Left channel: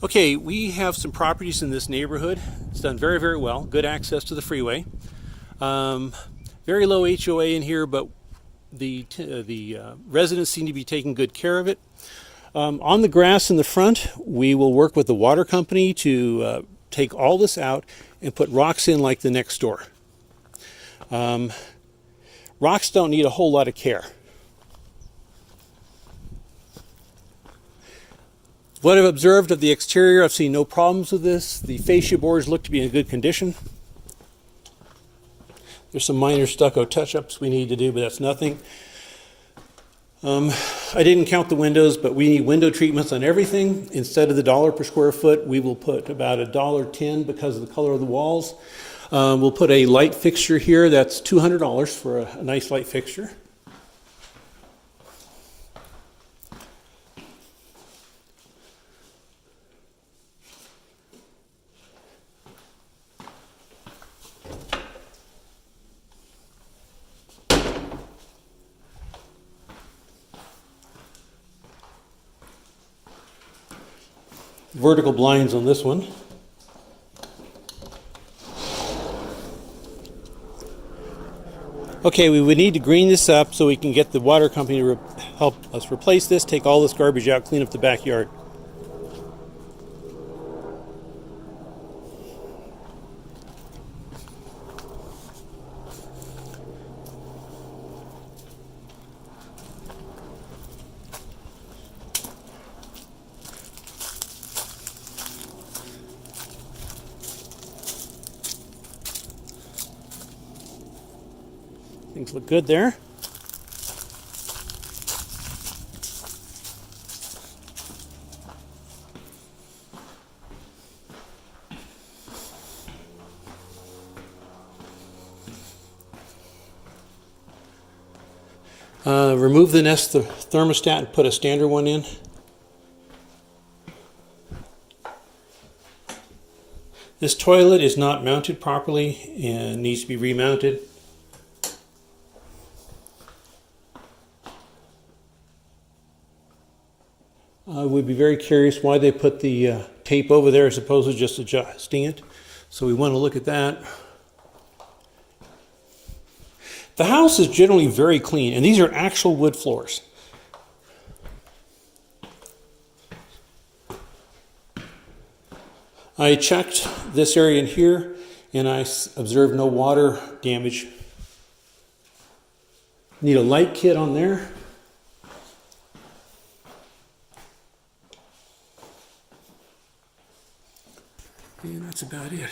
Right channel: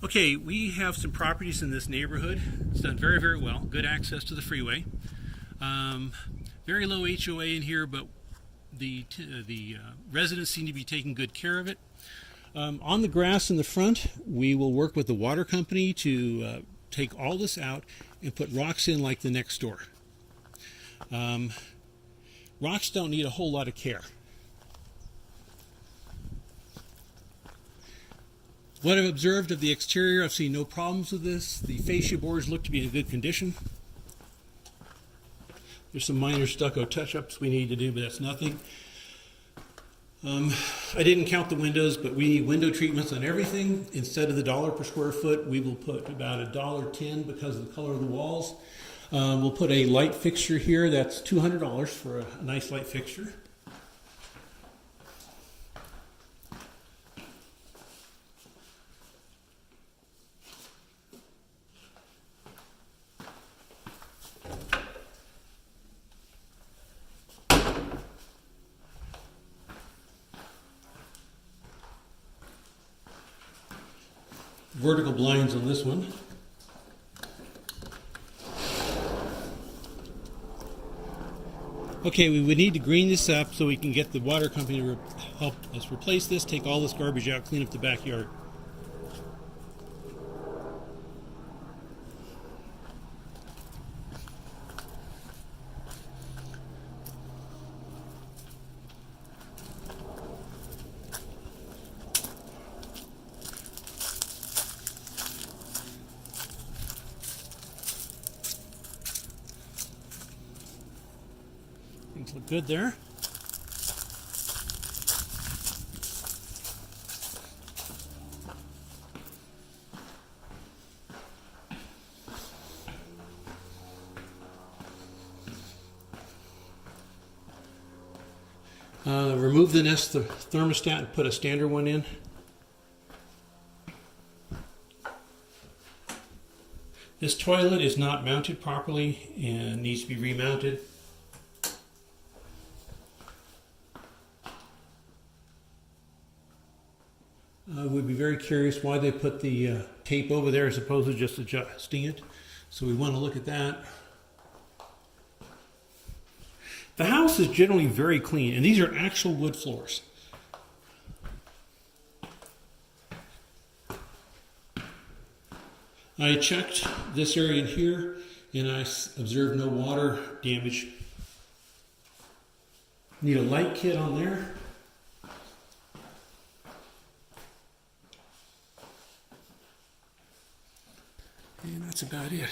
Okay, we have some properties in this neighborhood. It's done very, very well. Good access to the freeway. Very low HOA in here, but the residents seem to be taking good care of it. On the grass in the front, we will work with the water company to take all this out and put rocks in like the next door. Rocks don't need a whole lot of care. What I've observed of the exterior, I've seen no problems with this. The fascia boards look to be in good condition. There's some minor stucco touch-ups we need to do, but that's nothing. I didn't count the windows, but we need window treatments on everything. Instead of the $1 per square foot, we will put about $1.10 because of the color of the walls. We'll put a light fixture here. That's $200 for a nice light fixture. Vertical blinds on this one. Okay, we would need to green this up so we can get the water company to help us replace this, take all this garbage out, clean up the backyard. Things look good there. Remove the Nest thermostat and put a standard one in. This toilet is not mounted properly and needs to be remounted. I would be very curious why they put the tape over there as opposed to just adjusting it. So we want to look at that. The house is generally very clean, and these are actual wood floors. I checked this area in here, and I observed no water damage. Need a light kit on there. And that's about it.